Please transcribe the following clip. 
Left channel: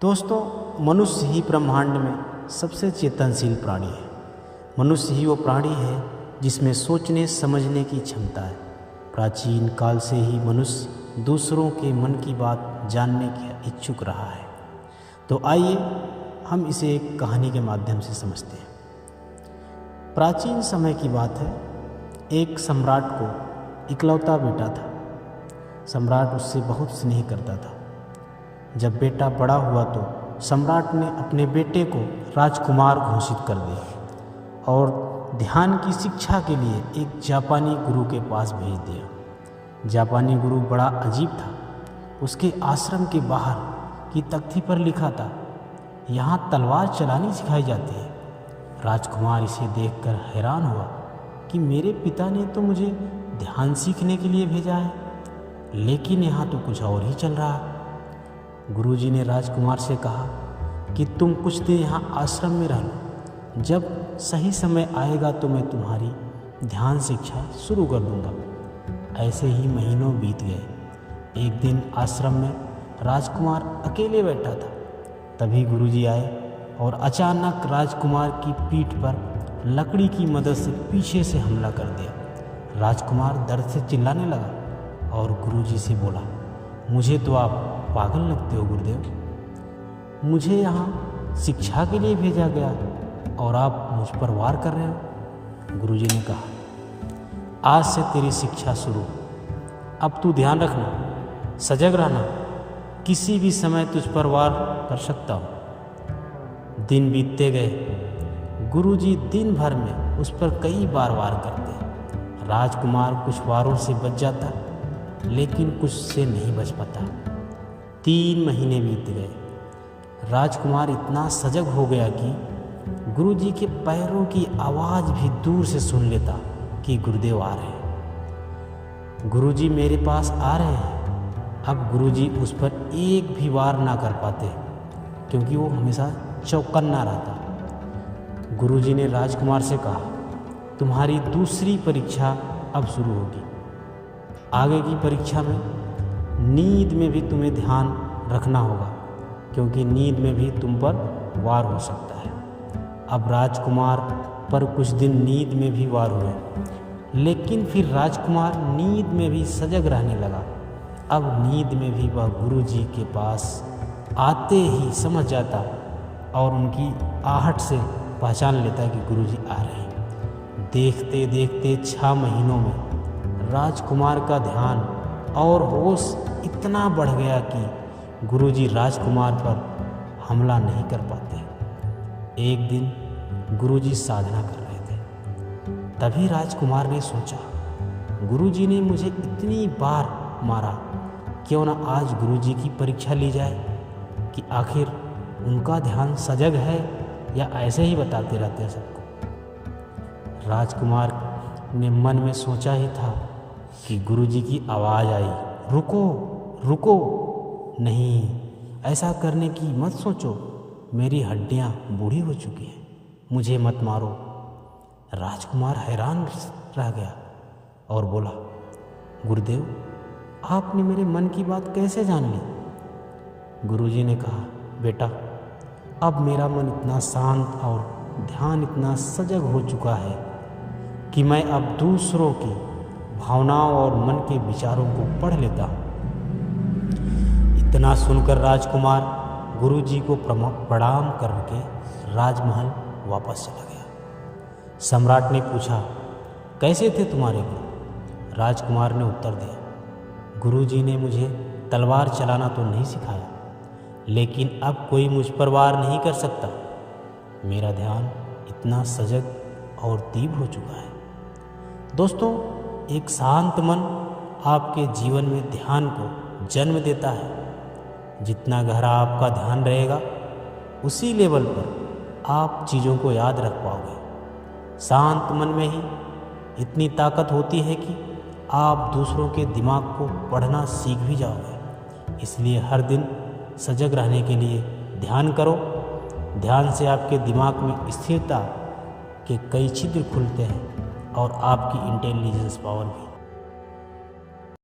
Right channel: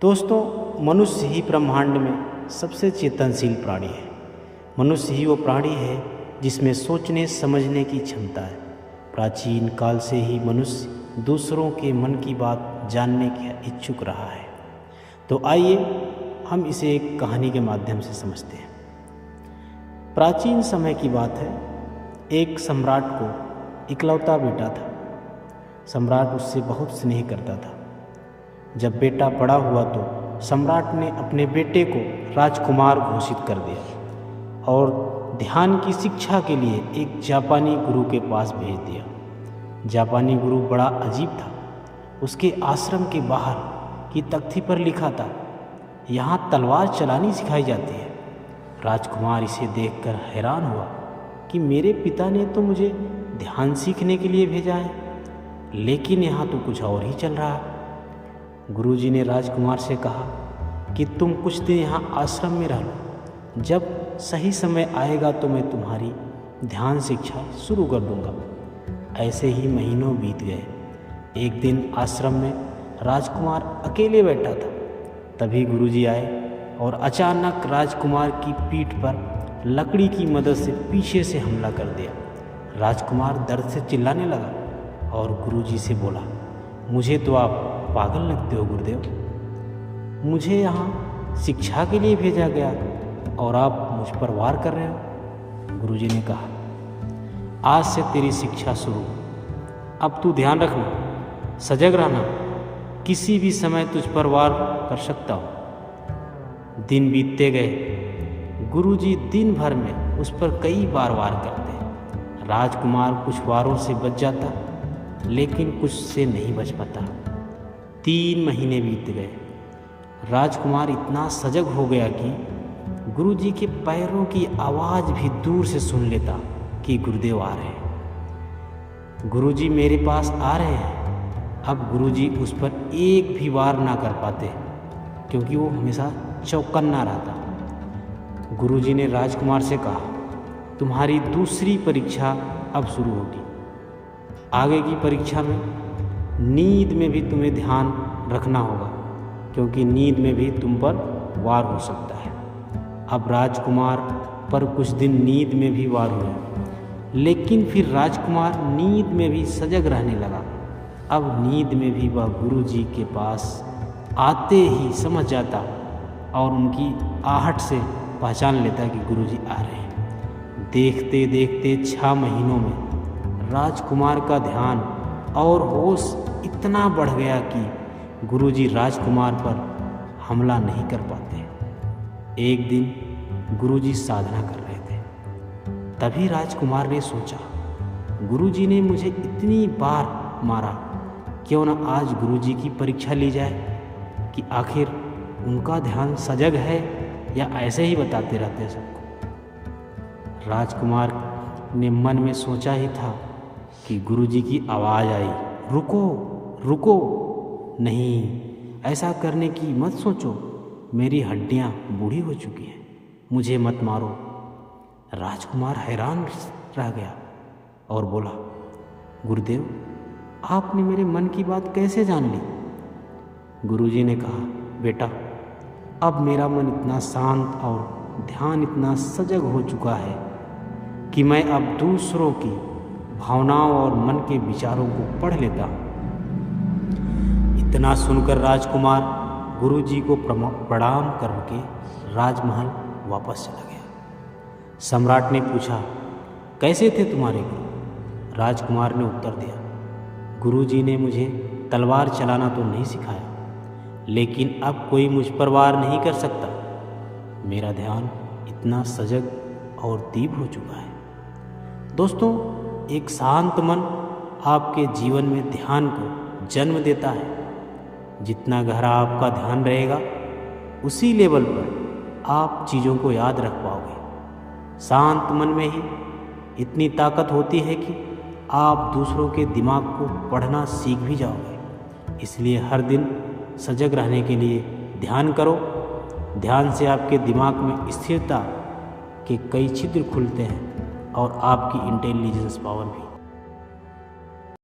दोस्तों, मनुष्य ही ब्रह्मांड में सबसे चेतनशील प्राणी है। मनुष्य ही वो प्राणी है जिसमें सोचने समझने की क्षमता है। प्राचीन काल से ही मनुष्य दूसरों के मन की बात जानने का इच्छुक रहा है। तो आइए हम इसे एक कहानी के माध्यम से समझते हैं। प्राचीन समय की बात है। एक सम्राट को इकलौता बेटा था। सम्राट उससे बहुत स्नेह करता था। जब बेटा बड़ा हुआ तो सम्राट ने अपने बेटे को राजकुमार घोषित कर दिया और ध्यान की शिक्षा के लिए एक जापानी गुरु के पास भेज दिया। जापानी गुरु बड़ा अजीब था। उसके आश्रम के बाहर की तख्ती पर लिखा था, यहाँ तलवार चलानी सिखाई जाती है। राजकुमार इसे देखकर हैरान हुआ कि मेरे पिता ने तो मुझे ध्यान सीखने के लिए भेजा है, लेकिन यहाँ तो कुछ और ही चल रहा है। गुरुजी ने राजकुमार से कहा कि तुम कुछ दिन यहाँ आश्रम में रह लो। जब सही समय आएगा तो मैं तुम्हारी ध्यान शिक्षा शुरू कर दूंगा। ऐसे ही महीनों बीत गए। एक दिन आश्रम में राजकुमार अकेले बैठा था। तभी गुरुजी आए और अचानक राजकुमार की पीठ पर लकड़ी की मदद से पीछे से हमला कर दिया। राजकुमार दर्द से चिल्लाने लगा और गुरुजी से बोला, मुझे तो आप पागल लगते हो गुरुदेव। मुझे यहाँ शिक्षा के लिए भेजा गया और आप मुझ पर वार कर रहे हो। गुरुजी ने कहा, आज से तेरी शिक्षा शुरू। अब तू ध्यान रखना, सजग रहना, किसी भी समय तुझ पर वार कर सकता हूँ। दिन बीतते गए। गुरुजी दिन भर में उस पर कई बार वार करते। राजकुमार कुछ वारों से बच जाता, लेकिन कुछ से नहीं बच पाता। 3 महीने बीत गए। राजकुमार इतना सजग हो गया कि गुरुजी के पैरों की आवाज़ भी दूर से सुन लेता कि गुरुदेव आ रहे हैं, गुरुजी मेरे पास आ रहे हैं। अब गुरुजी उस पर एक भी वार ना कर पाते, क्योंकि वो हमेशा चौकन्ना रहता। गुरुजी ने राजकुमार से कहा, तुम्हारी दूसरी परीक्षा अब शुरू होगी। आगे की परीक्षा में नींद में भी तुम्हें ध्यान रखना होगा, क्योंकि नींद में भी तुम पर वार हो सकता है। अब राजकुमार पर कुछ दिन नींद में भी वार हुआ, लेकिन फिर राजकुमार नींद में भी सजग रहने लगा। अब नींद में भी वह गुरुजी के पास आते ही समझ जाता और उनकी आहट से पहचान लेता कि गुरुजी आ रहे हैं। देखते देखते 6 महीनों में राजकुमार का ध्यान और होश इतना बढ़ गया कि गुरुजी राजकुमार पर हमला नहीं कर पाते। एक दिन गुरुजी साधना कर रहे थे। तभी राजकुमार ने सोचा, गुरुजी ने मुझे इतनी बार मारा, क्यों न आज गुरुजी की परीक्षा ली जाए कि आखिर उनका ध्यान सजग है या ऐसे ही बताते रहते हैं सबको। राजकुमार ने मन में सोचा ही था कि गुरुजी की आवाज़ आई, रुको रुको, नहीं, ऐसा करने की मत सोचो, मेरी हड्डियां बूढ़ी हो चुकी हैं, मुझे मत मारो। राजकुमार हैरान रह गया और बोला, गुरुदेव, आपने मेरे मन की बात कैसे जान ली? गुरुजी ने कहा, बेटा, अब मेरा मन इतना शांत और ध्यान इतना सजग हो चुका है कि मैं अब दूसरों की भावनाओं और मन के विचारों को पढ़ लेता हूँ। इतना सुनकर राजकुमार गुरुजी को प्रणाम करके राजमहल वापस चला गया। सम्राट ने पूछा, कैसे थे तुम्हारे गुरु? राजकुमार ने उत्तर दिया, गुरुजी ने मुझे तलवार चलाना तो नहीं सिखाया, लेकिन अब कोई मुझ पर वार नहीं कर सकता। मेरा ध्यान इतना सजग और तीव्र हो चुका है। दोस्तों, एक शांत मन आपके जीवन में ध्यान को जन्म देता है। जितना गहरा आपका ध्यान रहेगा, उसी लेवल पर आप चीज़ों को याद रख पाओगे। शांत मन में ही इतनी ताकत होती है कि आप दूसरों के दिमाग को पढ़ना सीख भी जाओगे। इसलिए हर दिन सजग रहने के लिए ध्यान करो। ध्यान से आपके दिमाग में स्थिरता के कई छिद्र खुलते हैं और आपकी इंटेलिजेंस पावर भी